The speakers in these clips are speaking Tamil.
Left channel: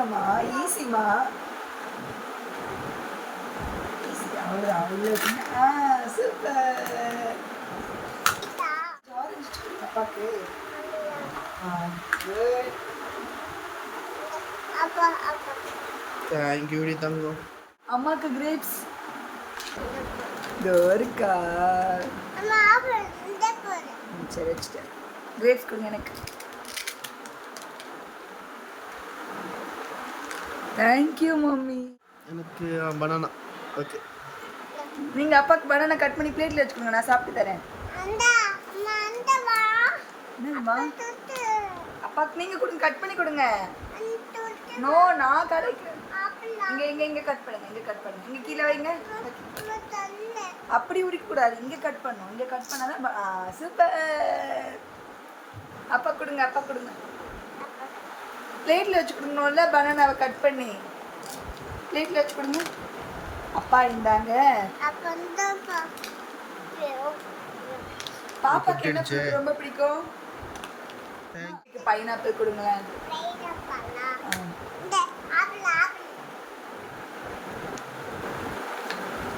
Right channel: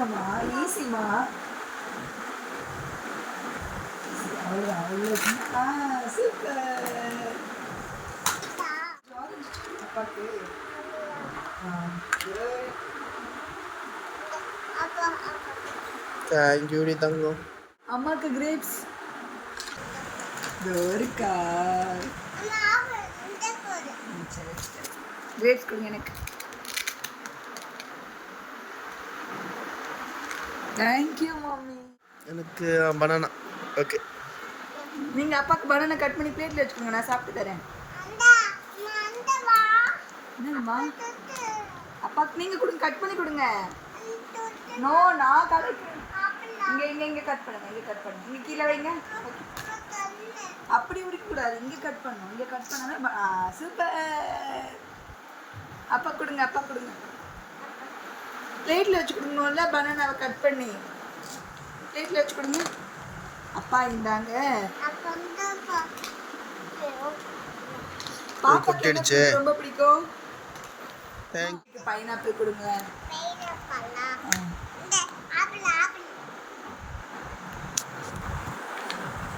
கொடுங்கம்மா, ஈஸிம்மா. ஈஸி. அவ்வளோதான், அவ்வளோ. சூப்பர். ஆரஞ்சு அப்பாக்கு. குட். தேங்க்யூ டி தங்கம். அம்மாக்கு கிரேப்ஸ். இதோ இருக்கா. சரி வச்சுட்டேன். கிரேப்ஸ் கொடுங்க எனக்கு. Thank you mummy. எனக்கு பனானா. ஓகே. நீங்கள் அப்பாவுக்கு பனானா கட் பண்ணி பிளேட்டில் வச்சுக்கோங்க, நான் சாப்பிட்டு தரேன். என்னதுமா? அப்பாவுக்கு நீங்கள் கொடுங்க, கட் பண்ணி கொடுங்க. நோ, நான் கடைக்கு. இங்கே இங்கே இங்கே கட் பண்ணுங்க, இங்கே கட் பண்ணுங்க. இங்கே கீழே வைங்க. அப்படி உரிக்கக்கூடாது, இங்கே கட் பண்ணணும். இங்கே கட் பண்ணாதான். சூப்பர். அப்பா கொடுங்க, அப்பா கொடுங்க. பிளேட்டில் வச்சு கொடுங்கல்ல, பனானாவை கட் பண்ணி பிளேட்டில் வச்சு கொடுங்க. அப்பா இருந்தாங்க. பாப்பாக்கு என்ன fruit ரொம்ப பிடிக்கும்? பைனாப்பிள் கொடுங்களேன்.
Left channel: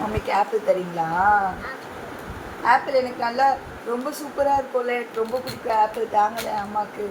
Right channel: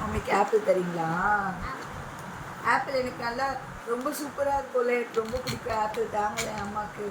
மம்மிக்கு ஆப்பிள் தரீங்களா? ஆப்பிள் எனக்கு நல்லா ரொம்ப சூப்பராக இருக்கும்ல, எனக்கு ரொம்ப பிடிக்கும் ஆப்பிள். தாங்களேன் அம்மாவுக்கு.